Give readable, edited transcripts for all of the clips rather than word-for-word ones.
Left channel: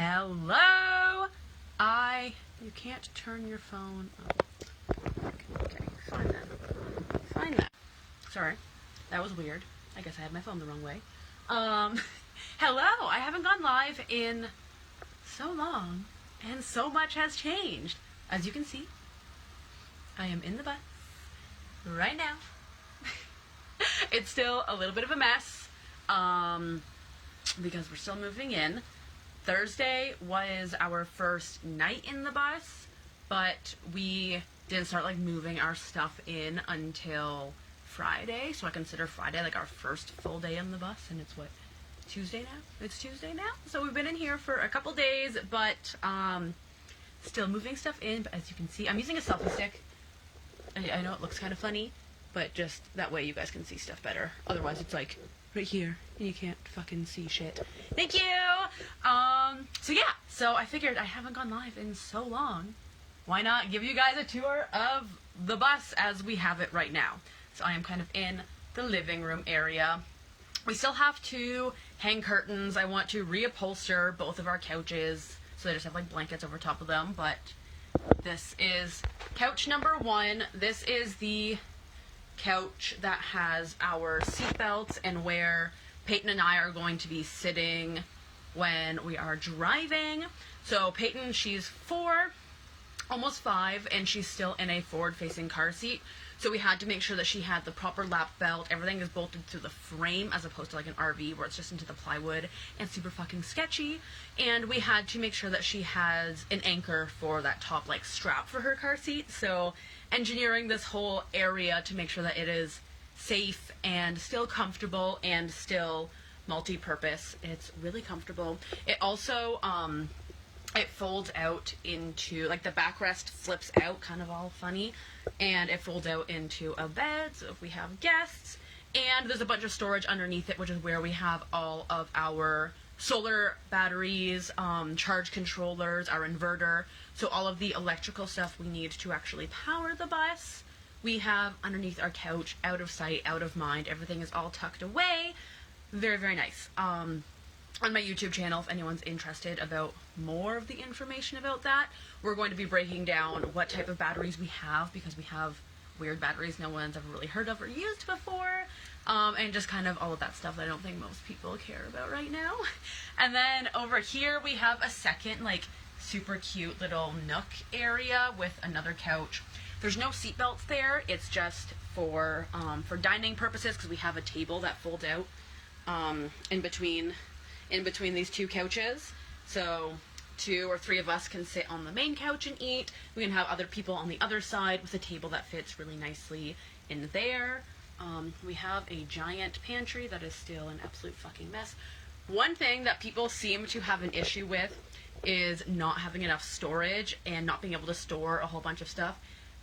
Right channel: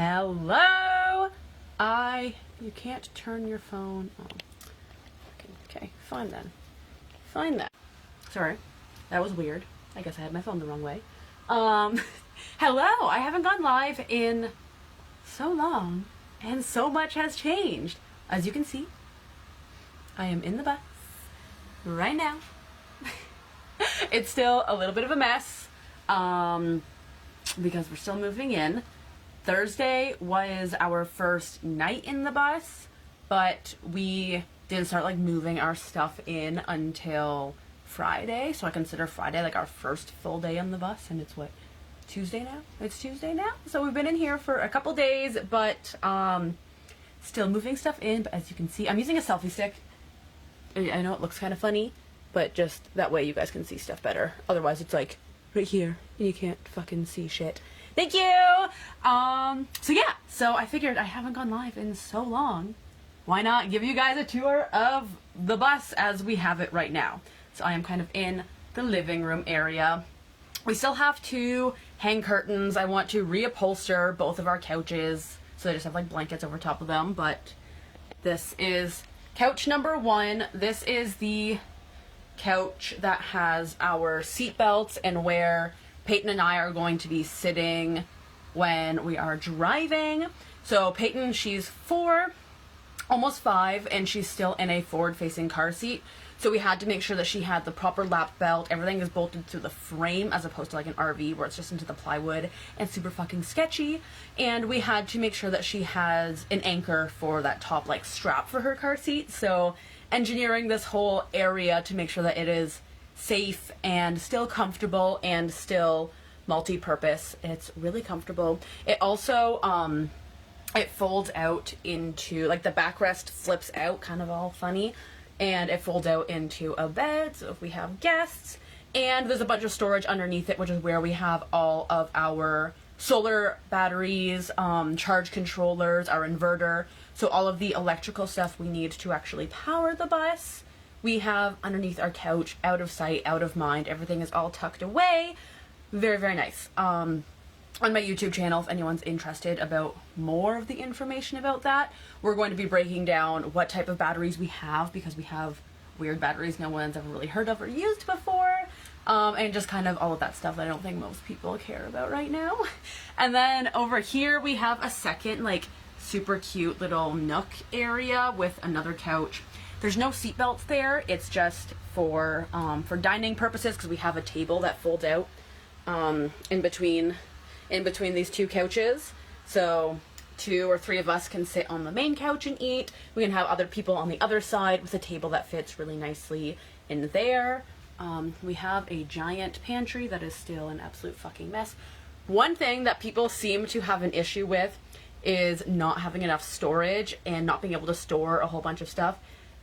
Hello? You can't turn your phone on. Okay, fine then. Fine then. Sorry, that was weird. I guess I had my phone the wrong way. Hello, I haven't gone live in so long, and so much has changed. As you can see, I am in the bus right now. It's still a little bit of a mess, because we're still moving in. Thursday was our first night in the bus, but we didn't start like moving our stuff in until Friday, so I consider Friday like our first full day on the bus, and it's what, Tuesday now? It's Tuesday now? So we've been in here for a couple days, but still moving stuff in. But as you can see, I'm using a selfie stick. I know it looks kind of funny, but just that way you guys can see stuff better. Otherwise it's like right here, you can't fucking see shit. Thank you! So yeah, so I figured I haven't gone live in so long. Why not give you guys a tour of the bus as we have it right now? So I am kind of in the living room area. We still have to hang curtains. I want to reupholster both of our couches, so they just have like blankets over top of them. But this is couch number 1. This is the couch that has our seat belts and where Peyton and I are going to be sitting when we are driving. So Peyton, she's 4, almost 5, and she's still in a forward-facing car seat. So we had to make sure that she had the proper lap belt. Everything is bolted through the frame as opposed to like an RV where it's just into the plywood and super fucking sketchy. And we had to make sure that she has an anchor for that top like strap for her car seat. So engineering this whole area to make sure that it is safe and still comfortable and still multi-purpose. It's really comfortable. It also it folds out into like the backrest flips out, kind of all funny, and it folds out into a bed, so if we have guests. And there's a bunch of storage underneath it, which is where we have all of our solar batteries, charge controllers, our inverter, so all of the electrical stuff we need to actually power the bus we have underneath our couch, out of sight, out of mind. Everything is all tucked away. Very, very nice. On my YouTube channel, if anyone's interested about more of the information about that, we're going to be breaking down what type of batteries we have, because we have weird batteries no one's ever really heard of or used before, and just kind of all of that stuff I don't think most people care about right now. And then over here we have a second like super cute little nook area with another couch. There's no seat belts there. It's just for dining purposes, because we have a table that folds out in between these two couches. So 2 or 3 of us can sit on the main couch and eat. We can have other people on the other side with a table that fits really nicely in there. We have a giant pantry that is still an absolute fucking mess. One thing that people seem to have an issue with is not having enough storage and not being able to store a whole bunch of stuff.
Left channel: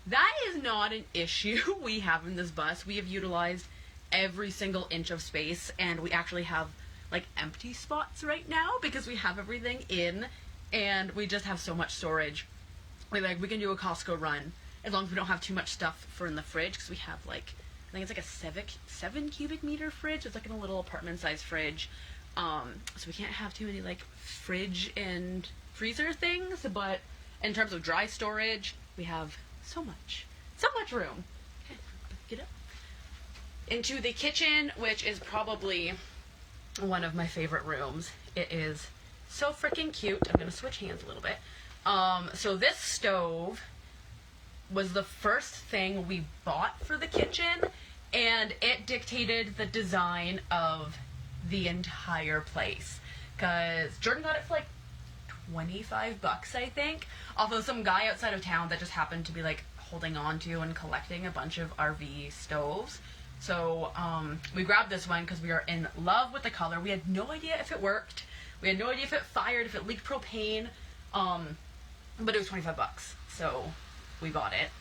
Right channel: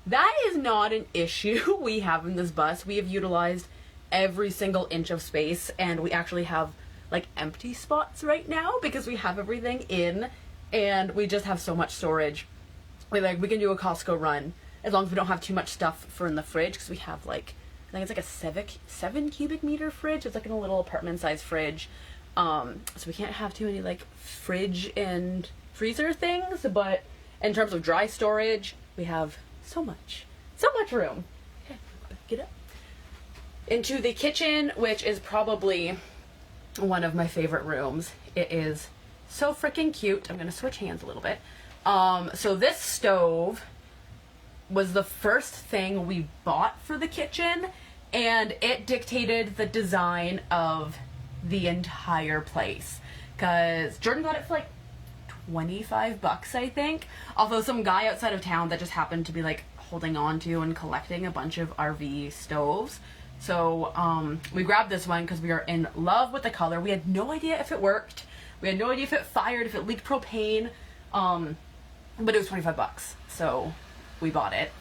That is not an issue we have in this bus. We have utilized every single inch of space, and we actually have like empty spots right now because we have everything in, and we just have so much storage. We can do a Costco run as long as we don't have too much stuff for in the fridge, because we have like, I think it's like a 7 cubic meter fridge. It's like in a little apartment size fridge. So we can't have too many like fridge and freezer things, but in terms of dry storage, we have so much room. Okay, get up into the kitchen, which is probably one of my favorite rooms. It is so freaking cute. I'm gonna switch hands a little bit. So this stove was the first thing we bought for the kitchen, and it dictated the design of the entire place, because Jordan got it for like $25, I think, although some guy outside of town that just happened to be like holding on to and collecting a bunch of RV stoves. So we grabbed this one because we are in love with the color. We had no idea if it worked. We had no idea if it fired, if it leaked propane, but it was $25, so we bought it.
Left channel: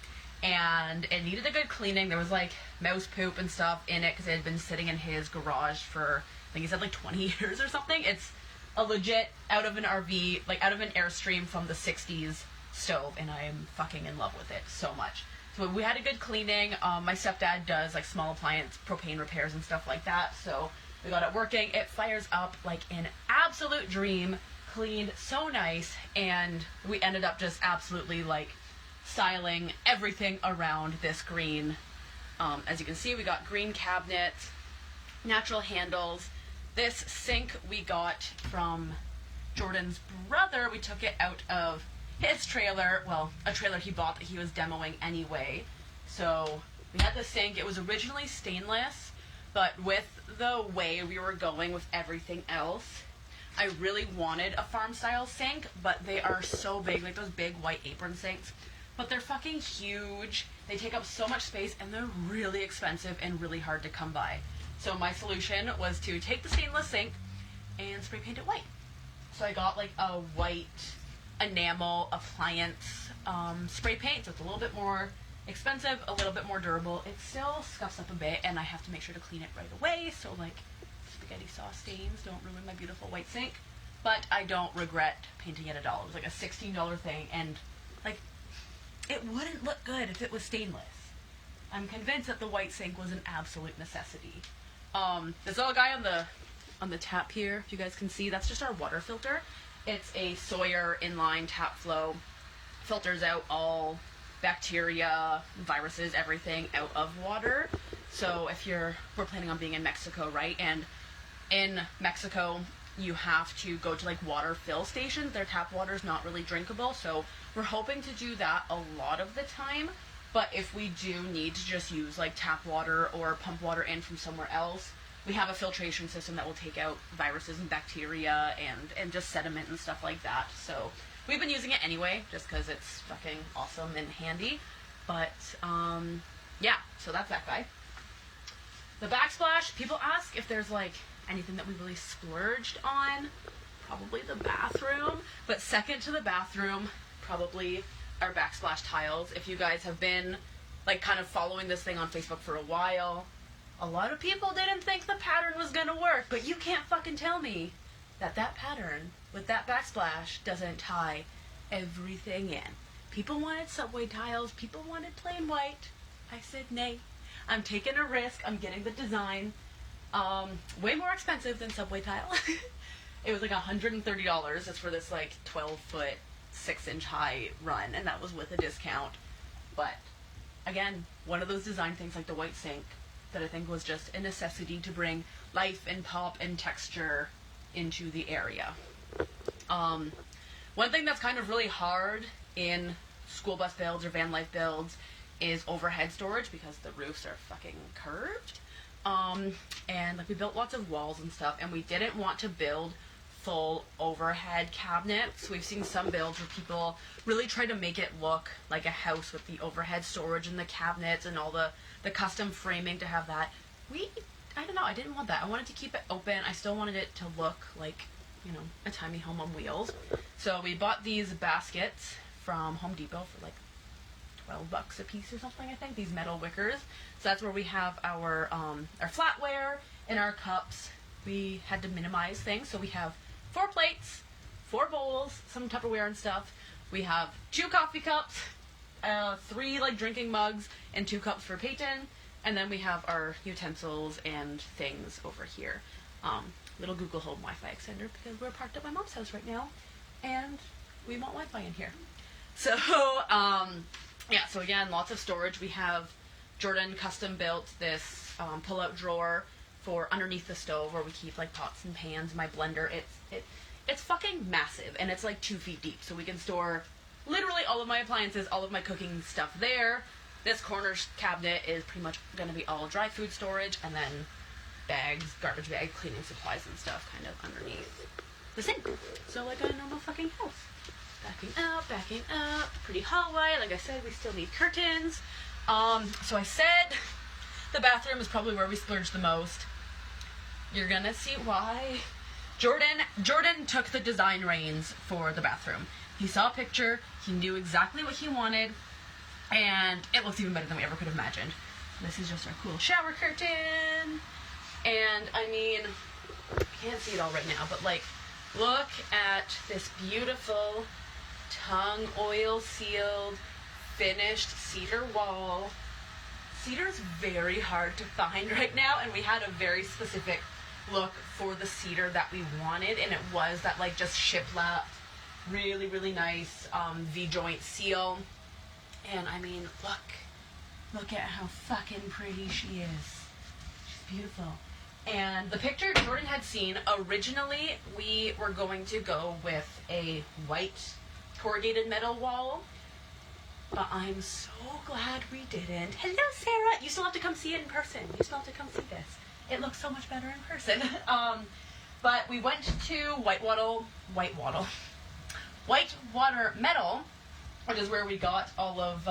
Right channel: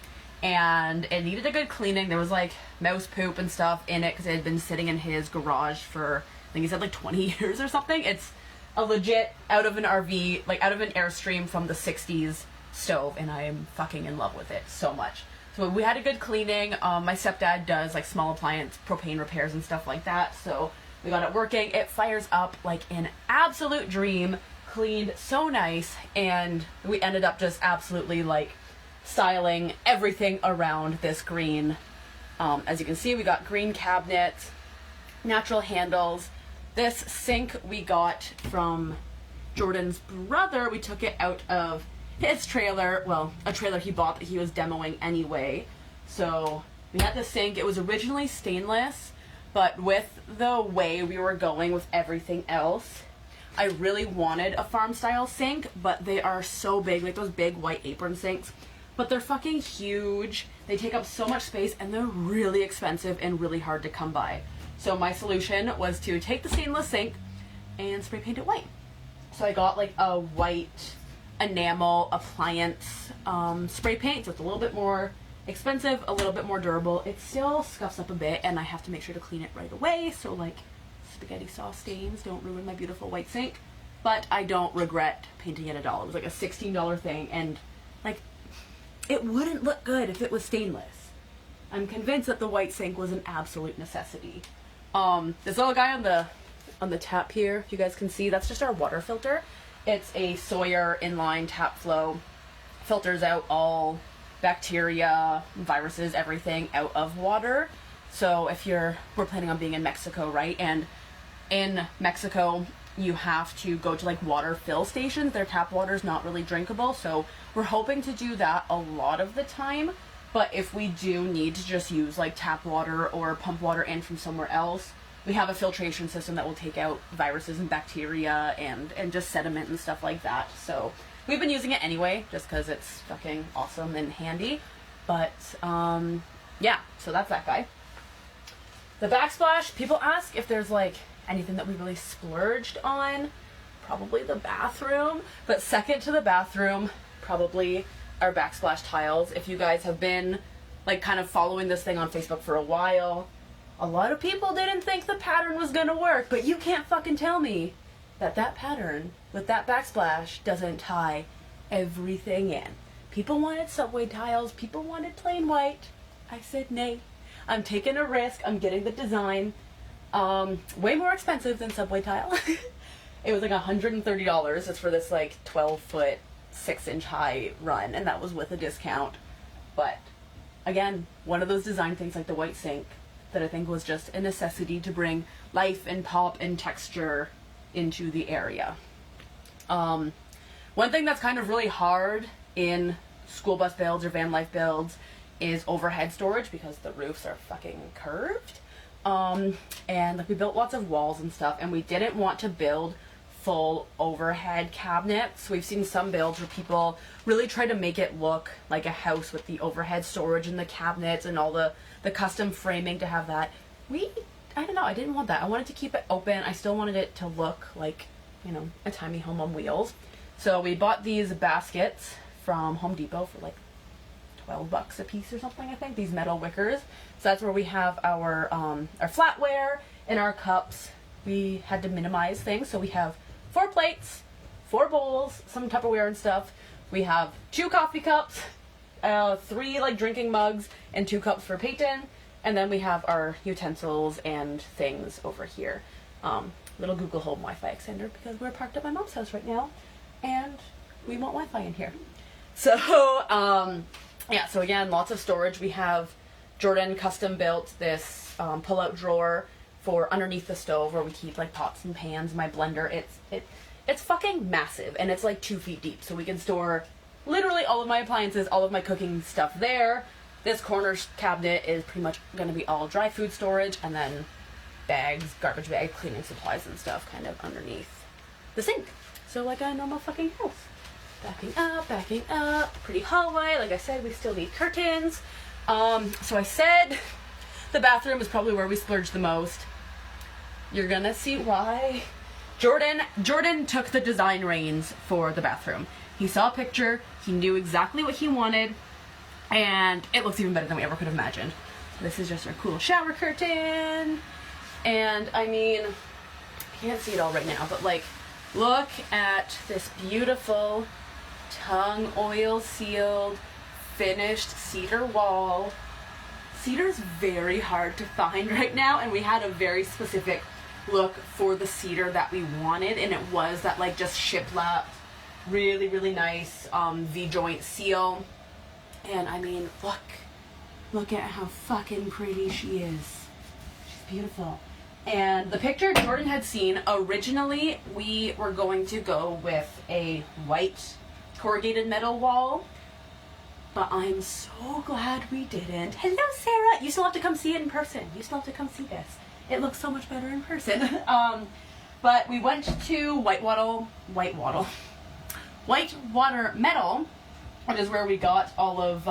And it needed a good cleaning. There was like mouse poop and stuff in it because it had been sitting in his garage for, I think he said like 20 years or something. It's a legit out of an RV, like out of an Airstream from the 60s stove, and I am fucking in love with it so much. So we had a good cleaning. My stepdad does like small appliance propane repairs and stuff like that, so we got it working. It fires up like an absolute dream. cleaned so nice, and we ended up just absolutely like styling everything around this green. As you can see, we got green cabinets, natural handles. This sink we got from Jordan's brother. We took it out of his trailer, well, a trailer he bought that he was demoing anyway. So we had this sink. It was originally stainless, but with the way we were going with everything else, I really wanted a farm style sink, but they are so big, like those big white apron sinks, but they're fucking huge. They take up so much space, and they're really expensive and really hard to come by. So my solution was to take the stainless sink and spray paint it white. So I got like a white enamel appliance spray paint, so it's a little bit more expensive, a little bit more durable. It still scuffs up a bit, and I have to make sure to clean it right away, so like spaghetti sauce stains don't ruin my beautiful white sink. But I don't regret painting it at all. It was like a $16 thing, and like it wouldn't look good if it was stainless. I'm convinced that the white sink was an absolute necessity. This little guy on the tap here, if you guys can see, that's just our water filter. It's a Sawyer inline tap flow. Filters out all bacteria, viruses, everything out of water. So if we're planning on being in Mexico, right? And in Mexico, you have to go to like water fill stations. Their tap water is not really drinkable. So we're hoping to do that a lot of the time. But if we do need to just use like tap water or pump water in from somewhere else, we have a filtration system that will take out viruses and bacteria and just sediment and stuff like that. So we've been using it anyway, just because it's fucking awesome and handy. But yeah, so that's that guy. The backsplash, people ask if there's like anything that we really splurged on. Probably the bathroom. But second to the bathroom, probably our backsplash tiles. If you guys have been like kind of following this thing on Facebook for a while, a lot of people didn't think the pattern was gonna work, but you can't fucking tell me that that pattern with that backsplash doesn't tie everything in. People wanted subway tiles, people wanted plain white. I said nay. I'm taking a risk, I'm getting the design. Way more expensive than subway tile. It was like $130. It's for this like 12-foot, 6-inch high run, and that was with a discount. But again, one of those design things like the white sink that I think was just a necessity to bring life and pop and texture into the area. One thing that's kind of really hard in school bus builds or van life builds is overhead storage, because the roofs are fucking curved. And like we built lots of walls and stuff, and we didn't want to build full overhead cabinets. We've seen some builds where people really try to make it look like a house with the overhead storage and the cabinets and all the custom framing to have that. I don't know, I didn't want that. I wanted to keep it open. I still wanted it to look like, you know, a tiny home on wheels. So we bought these baskets from Home Depot for like $12 a piece or something, I think. These metal wickers. So that's where we have our flatware and our cups. We had to minimize things, so we have 4 plates, 4 bowls, some Tupperware and stuff. We have 2 coffee cups, 3 like drinking mugs, and 2 cups for Peyton. And then we have our utensils and things over here. Little Google Home Wi-Fi extender, because we're parked at my mom's house right now, and we want Wi-Fi in here. So, yeah, so again, lots of storage. We have Jordan custom built this pull-out drawer for underneath the stove where we keep like pots and pans. My blender, it's fucking massive, and it's like 2 feet deep, so we can store literally all of my appliances, all of my cooking stuff there. This corner cabinet is pretty much going to be all dry food storage, and then bags, garbage bags, cleaning supplies and stuff kind of underneath the sink. So like a normal fucking house. Backing up, pretty hallway. Like I said, we still need curtains. So I said the bathroom is probably where we splurged the most. You're gonna see why. Jordan took the design reins for the bathroom. He saw a picture, he knew exactly what he wanted, and it looks even better than we ever could have imagined. This is just our cool shower curtain. And I mean, you can't see it all right now, but like, look at this beautiful tung oil sealed finished cedar wall. Cedar is very hard to find right now, and we had a very specific look for the cedar that we wanted, and it was that like just shiplap, really, really nice V-joint seal. And I mean, look at how fucking pretty she is. She's beautiful. And the picture Jordan had seen, originally we were going to go with a white corrugated metal wall, but I'm so glad we didn't. Hello, Sarah. You still have to come see it in person. You still have to come see this. It looks so much better in person. But we went to Whitewater Metal, which is where we got all of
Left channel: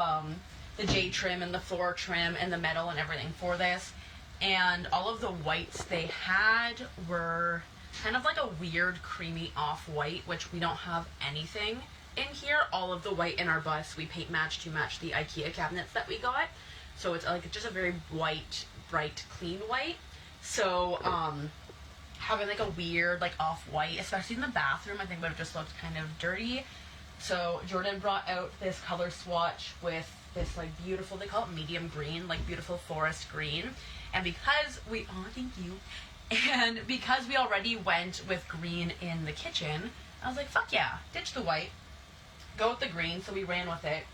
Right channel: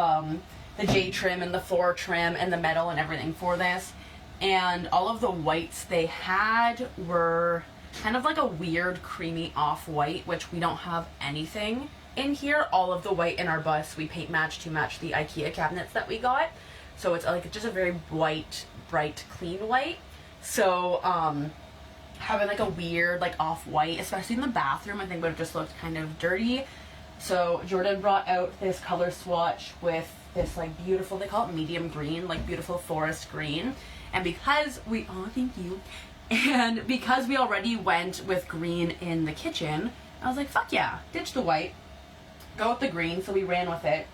the J trim and the floor trim and the metal and everything for this. And all of the whites they had were kind of like a weird creamy off-white, which we don't have anything in here. All of the white in our bus we paint matched to match the IKEA cabinets that we got. So it's like just a very white, bright, clean white. So having like a weird like off-white, especially in the bathroom, I think would have just looked kind of dirty. So Jordan brought out this color swatch with this like beautiful, they call it medium green, like beautiful forest green. And because we, oh thank you, and because we already went with green in the kitchen, I was like, fuck yeah, ditch the white, go with the green. So we ran with it.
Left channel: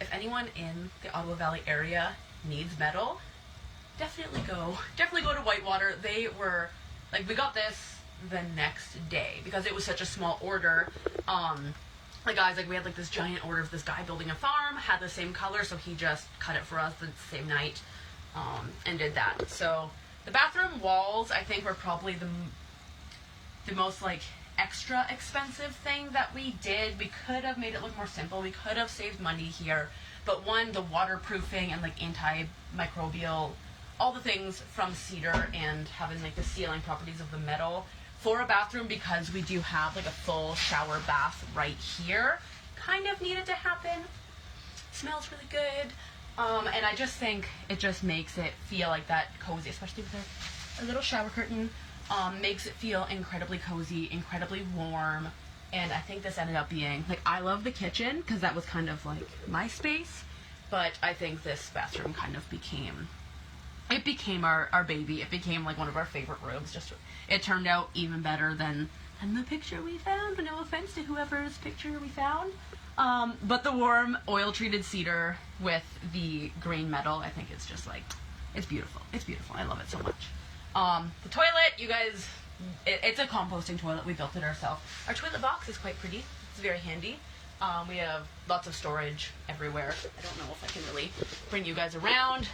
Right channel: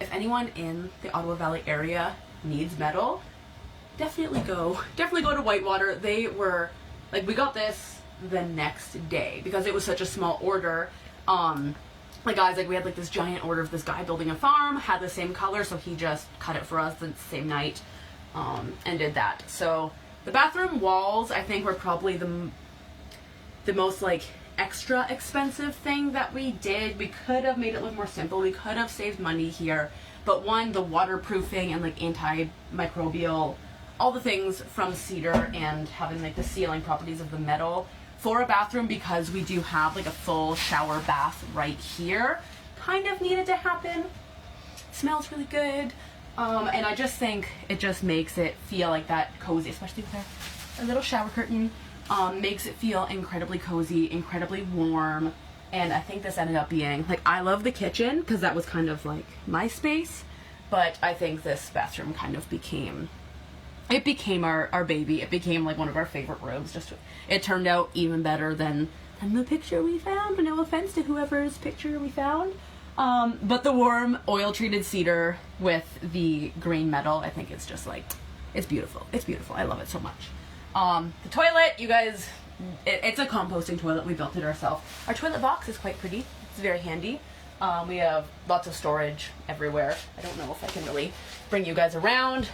If anyone in the Ottawa Valley area needs metal, definitely go to Whitewater. They were like, we got this the next day because it was such a small order. Like guys, like we had like this giant order of this guy building a farm, had the same color, so he just cut it for us the same night, and did that. So the bathroom walls, I think, were probably the most like extra expensive thing that we did. We could have made it look more simple. We could have saved money here, but one, the waterproofing and like antimicrobial, all the things from cedar and having like the sealing properties of the metal for a bathroom, because we do have like a full shower bath right here, kind of needed to happen. Smells really good. And I just think it just makes it feel like that cozy, especially with a little shower curtain. Makes it feel incredibly cozy, incredibly warm. And I think this ended up being, like, I love the kitchen because that was kind of like my space, but I think this bathroom kind of became our baby. It became like one of our favorite rooms. It turned out even better than the picture we found. No offense to whoever's picture we found. But the warm oil treated cedar with the green metal, I think it's just like, it's beautiful. It's beautiful. I love it so much. The toilet, you guys, it's a composting toilet. We built it ourselves. Our toilet box is quite pretty. It's very handy. We have lots of storage everywhere. I don't know if I can really bring you guys around.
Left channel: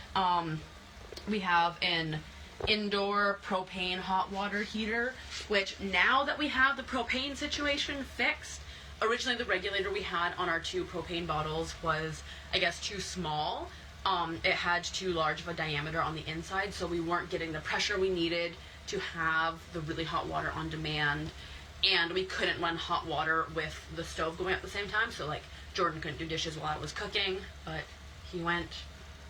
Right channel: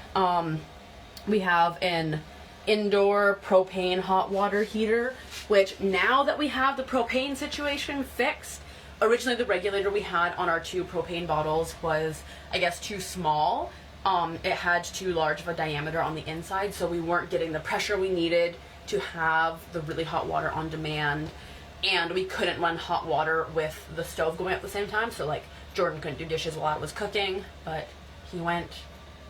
We have an indoor propane hot water heater, which now that we have the propane situation fixed, originally the regulator we had on our 2 propane bottles was, I guess, too small. It had too large of a diameter on the inside, so we weren't getting the pressure we needed to have the really hot water on demand, and we couldn't run hot water with the stove going at the same time. So like Jordan couldn't do dishes while I was cooking, but he went,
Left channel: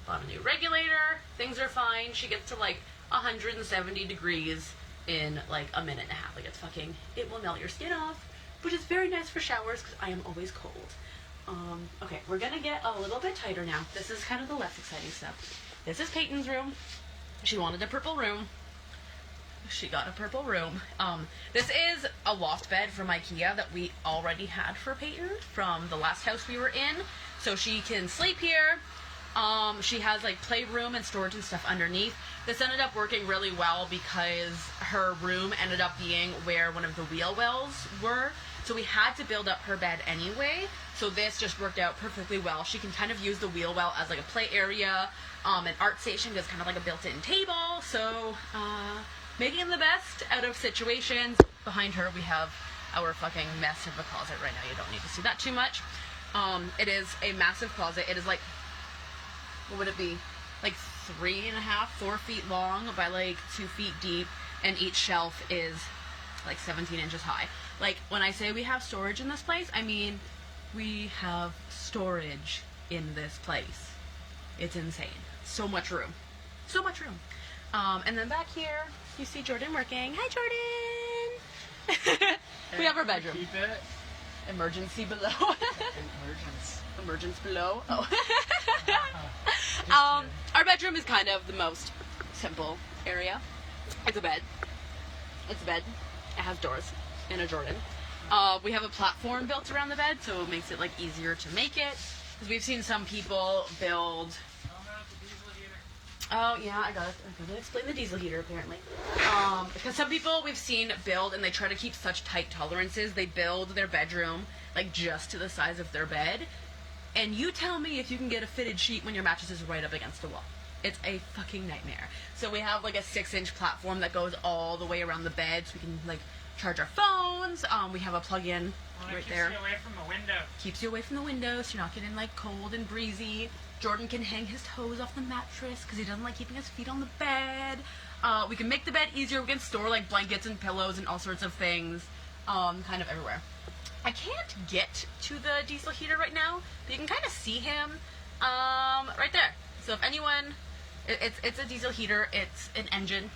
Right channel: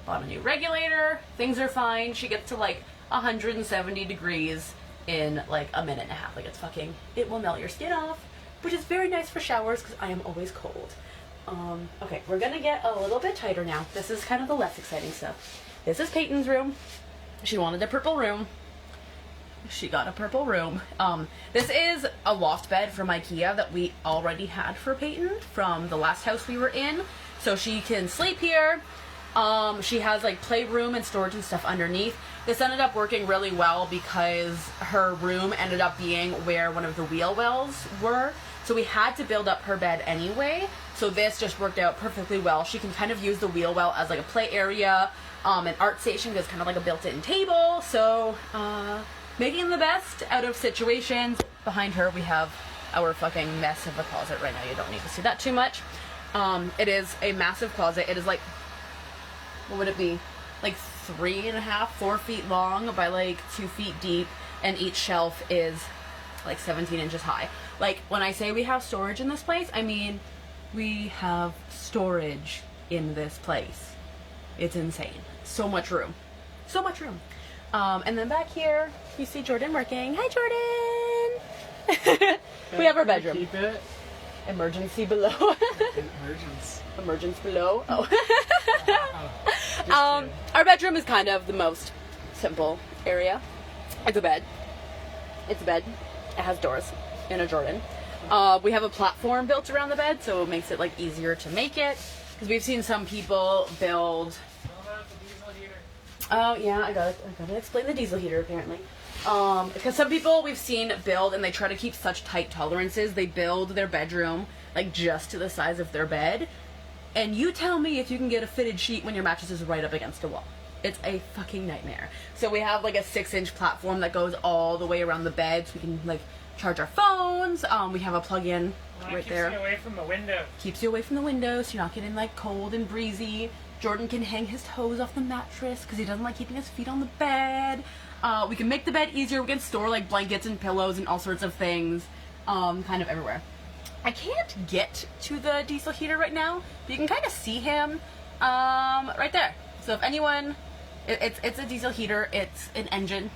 bought a new regulator. Things are fine. She gets to like 170 degrees in like a minute and a half. Like it will melt your skin off, which is very nice for showers because I am always cold. Okay, we're gonna get a little bit tighter now. This is kind of the less exciting stuff. This is Peyton's room. She wanted a purple room. She got a purple room. This is a loft bed from IKEA that we already had for Peyton from the last house we were in. So she can sleep here. She has like playroom and storage and stuff underneath. This ended up working really well because her room ended up being where one of the wheel wells were. So we had to build up her bed anyway. So this just worked out perfectly well. She can kind of use the wheel well as like a play area, an art station, because kind of like a built-in table. So, making the best out of situations. Behind her, we have our fucking mess of a closet right now. You don't need to see that too much. It is a massive closet. It is like, what would it be? Like 3.5, 4 feet long by like 2 feet deep, and each shelf is like 17 inches high. Like, when I say we have storage in this place, I mean we have storage in this place. It's insane. So much room. So much room. And then back here, you see Jordan working. Hi, Jordan! We have our bedroom. Keep it. Emergency below. Emergence below. Oh. Our bedroom is kind of the most simple area. Like a bed. It's a bed. It has doors and a Jordan. We have a platform built around the bed, so it makes it like easier to make it. Because we've seen some people build. Oh yeah, I gotta explain the diesel heater apparently. Because some people we've seen build and they try to keep such tight tolerances. They build their bedroom like just to the size of their bed. And you tell me if you can get a fitted sheet when your mattress is right up against the wall. It's a fucking nightmare. So we have like a 6-inch platform that goes all the way around the bed so we can like charge our phones. We have a plug-in right there. Keeps you away from the window. Keeps you away from the window so you're not getting like cold and breezy. Jordan can hang his toes off the mattress because he doesn't like keeping his feet on the bed. We can make the bed easier. We can store like blankets and pillows and all sorts of things kind of everywhere. I can't get to the diesel heater right now, but you can kind of see him right there. So if anyone, it's a diesel heater. It's an engine.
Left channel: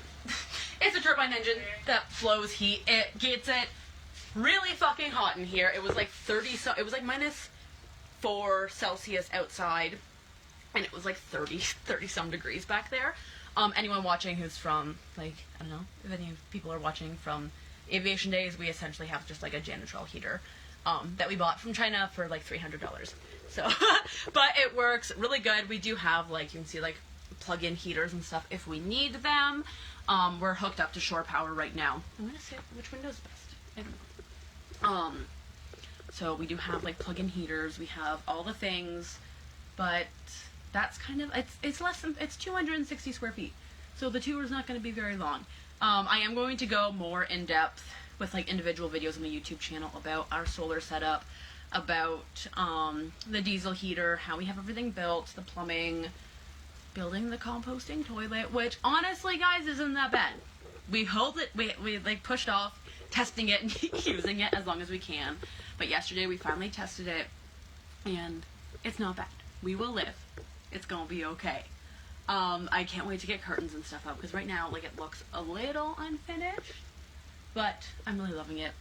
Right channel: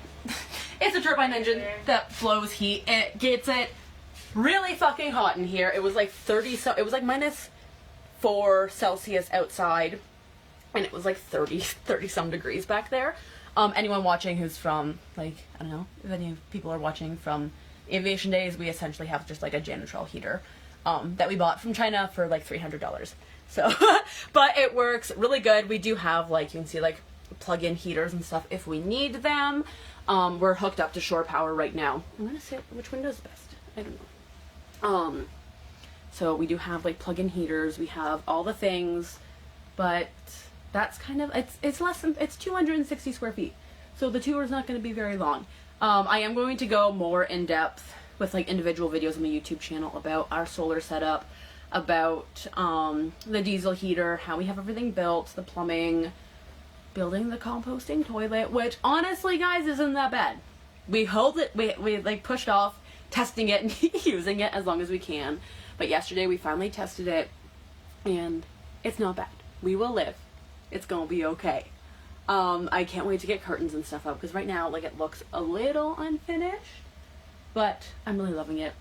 It's a turbine engine that flows heat. It gets it really fucking hot in here. It was like it was like -4 Celsius outside, and it was like 30 some degrees back there. Anyone watching who's from, like, I don't know, if any people are watching from Aviation Days, we essentially have just like a janitorial heater that we bought from China for like $300. So, but it works really good. We do have, like, you can see like plug-in heaters and stuff if we need them. We're hooked up to shore power right now. I'm gonna say which window's best. I don't know. So we do have like plug-in heaters. We have all the things, but that's kind of, it's less than, it's 260 square feet. So the tour is not going to be very long. I am going to go more in depth with like individual videos on my YouTube channel about our solar setup, about the diesel heater, how we have everything built, the plumbing, building the composting toilet, which honestly, guys, isn't that bad. We hope that we like pushed off testing it and using it as long as we can. But yesterday we finally tested it and it's not bad. We will live. It's gonna be okay. I can't wait to get curtains and stuff up because right now, like, it looks a little unfinished, but I'm really loving it.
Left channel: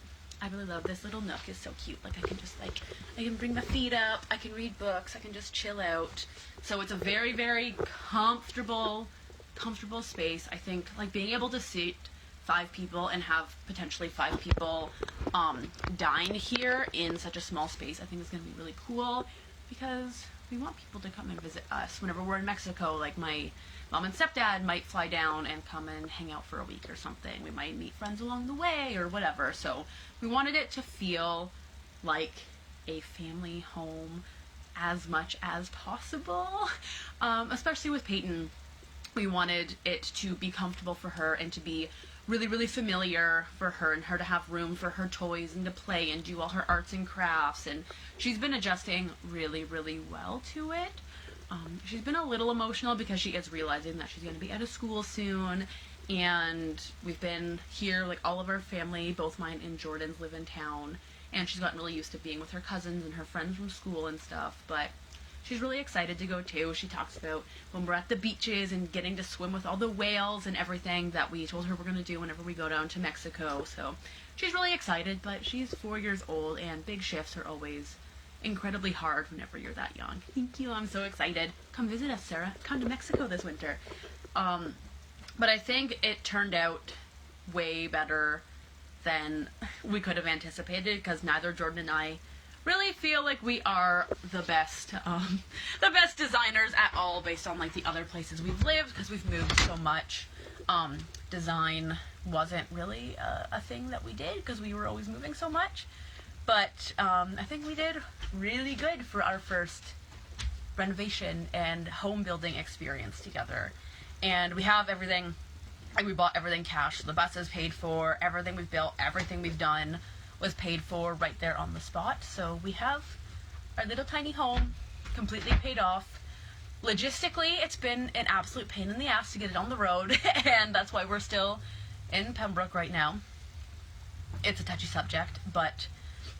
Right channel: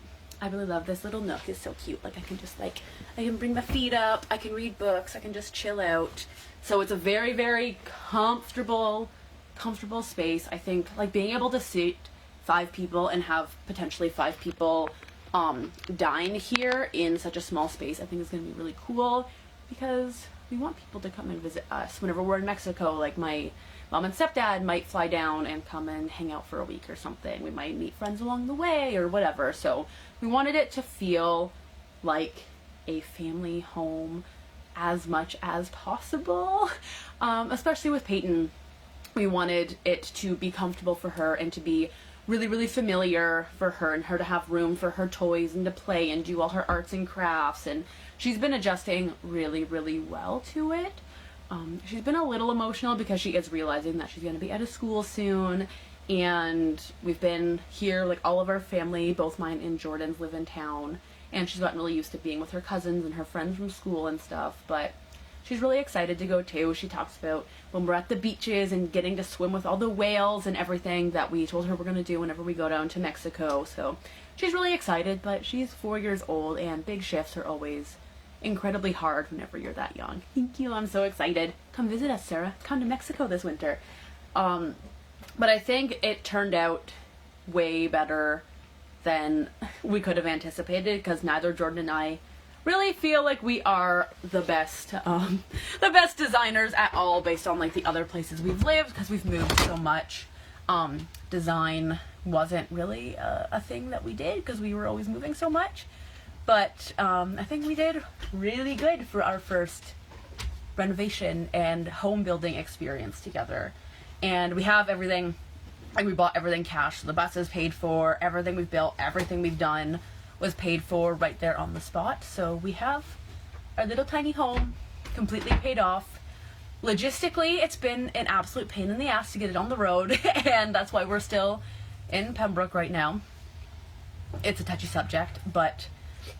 I really love this little nook. It's so cute. Like, I can just, like, I can bring my feet up, I can read books, I can just chill out. So it's a very, very comfortable space. I think, like, being able to seat 5 people and have potentially 5 people dine here in such a small space, I think is going to be really cool because we want people to come and visit us whenever we're in Mexico. Like, my mom and stepdad might fly down and come and hang out for a week or something. We might meet friends along the way or whatever. So we wanted it to feel like a family home as much as possible, especially with Peyton. We wanted it to be comfortable for her and to be really, really familiar for her and her to have room for her toys and to play and do all her arts and crafts. And she's been adjusting really, really well to it. She's been a little emotional because she is realizing that she's going to be out of school soon. And we've been here, like, all of our family, both mine and Jordan's, live in town. And she's gotten really used to being with her cousins and her friends from school and stuff. But she's really excited to go too. She talks about when we're at the beaches and getting to swim with all the whales and everything that we told her we're going to do whenever we go down to Mexico. So she's really excited, but she's 4 years old and big shifts are always incredibly hard whenever you're that young. Thank you. I'm so excited. Come visit us, Sarah. Come to Mexico this winter. But I think it turned out way better than we could have anticipated because neither Jordan and I really feel like we are the best designers at all based on, like, the other places we've lived because we've moved so much. Design wasn't really a thing that we did because we were always moving so much. But I think we did really good for our first renovation and home building experience together. And we have everything, like, we bought everything cash. So the bus is paid for, everything we've built, everything we've done was paid for right there on the spot. So we have our little tiny home completely paid off. Logistically, it's been an absolute pain in the ass to get it on the road, and that's why we're still in Pembroke right now. It's a touchy subject, but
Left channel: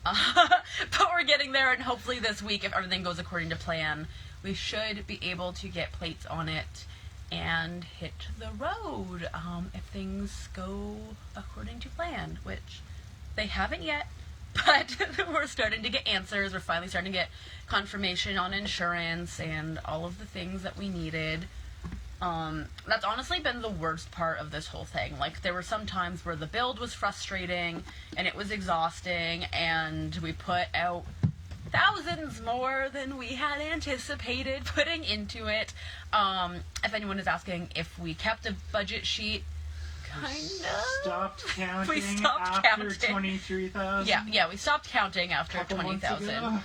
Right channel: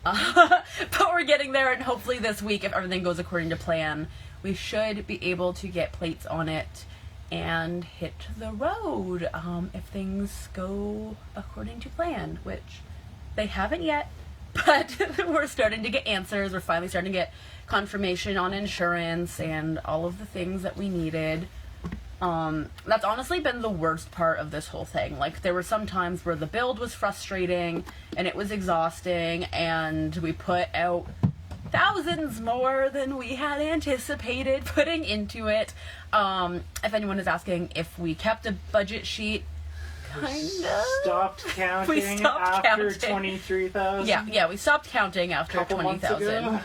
we're getting there, and hopefully this week, if everything goes according to plan, we should be able to get plates on it and hit the road if things go according to plan, which they haven't yet, but we're starting to get answers. We're finally starting to get confirmation on insurance and all of the things that we needed. That's honestly been the worst part of this whole thing. Like, there were some times where the build was frustrating and it was exhausting, and we put out thousands more than we had anticipated putting into it. If anyone is asking if we kept a budget sheet, kinda. Stopped counting We stopped after counting. 23,000. Yeah, we stopped counting after Couple months 20,000, ago.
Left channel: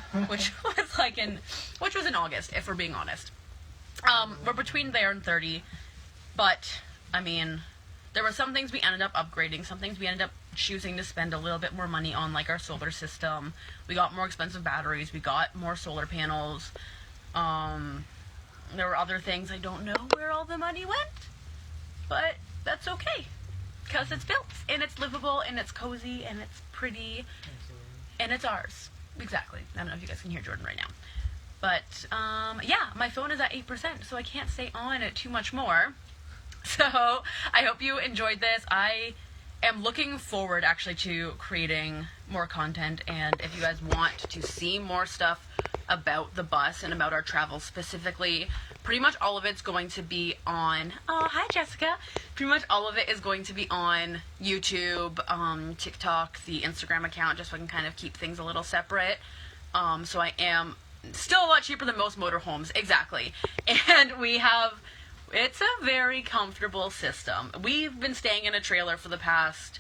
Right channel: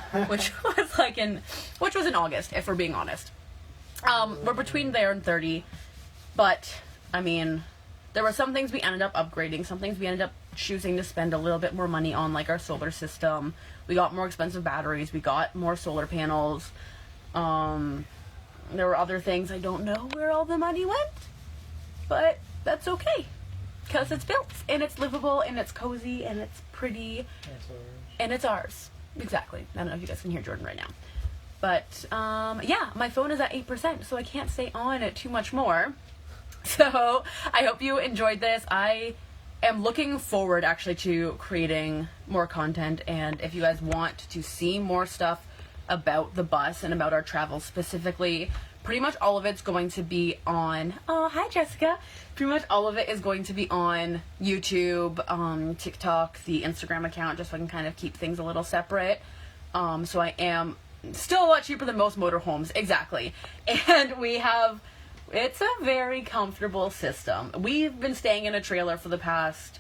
which was in August, if we're being honest. We're between there and 30, but I mean, there were some things we ended up upgrading, some things we ended up choosing to spend a little bit more money on, like our solar system. We got more expensive batteries, we got more solar panels. There were other things, I don't know where all the money went, but that's okay, because it's built, and it's livable, and it's cozy, and it's pretty, and it's ours. Exactly. I don't know if you guys can hear Jordan right now. But, yeah, my phone is at 8%, so I can't stay on it too much more. So, I hope you enjoyed this. I am looking forward, actually, to creating more content, and if you guys want to see more stuff about the bus and about our travels specifically, pretty much all of it's going to be on... Oh, hi, Jessica! Pretty much all of it is going to be on YouTube, TikTok, the Instagram account, just so I can kind of keep things a little separate. So I am... still a lot cheaper than most motorhomes, exactly. And it's a very comfortable system. We've been staying in a trailer for the past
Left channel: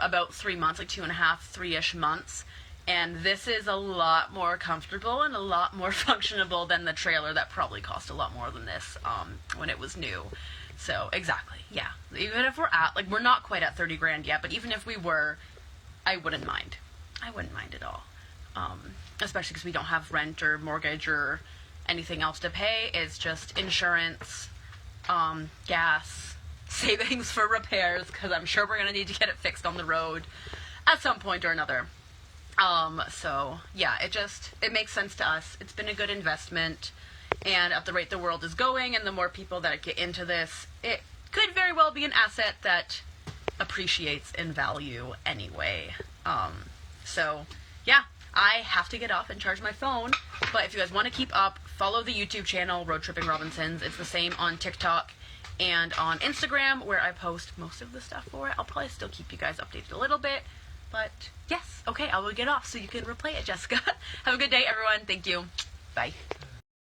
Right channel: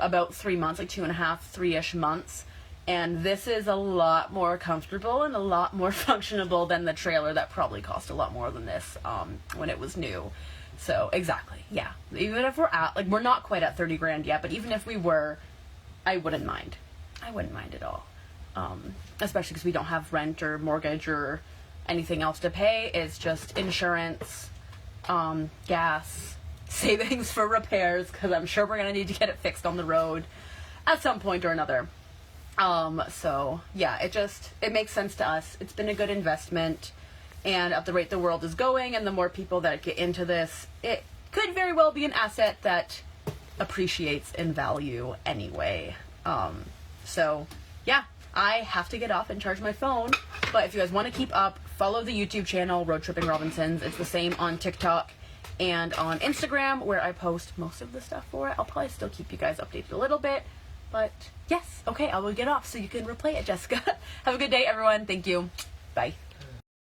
about 3 months, like 2.5, 3-ish months. And this is a lot more comfortable and a lot more functionable than the trailer that probably cost a lot more than this when it was new. So, exactly, yeah. Even if we're not quite at 30 grand yet, but even if we were, I wouldn't mind. I wouldn't mind at all. Especially because we don't have rent or mortgage or anything else to pay. It's just insurance, gas, savings for repairs, because I'm sure we're going to need to get it fixed on the road at some point or another. So, yeah, it makes sense to us. It's been a good investment, and at the rate the world is going and the more people that get into this, it could very well be an asset that appreciates in value anyway. So, yeah. I have to get off and charge my phone, but if you guys want to keep up, follow the YouTube channel, Road Tripping Robinsons. It's the same on TikTok and on Instagram, where I post most of the stuff for it. I'll probably still keep you guys updated a little bit, but yes, okay, I will get off so you can replay it, Jessica. Have a good day, everyone. Thank you. Bye.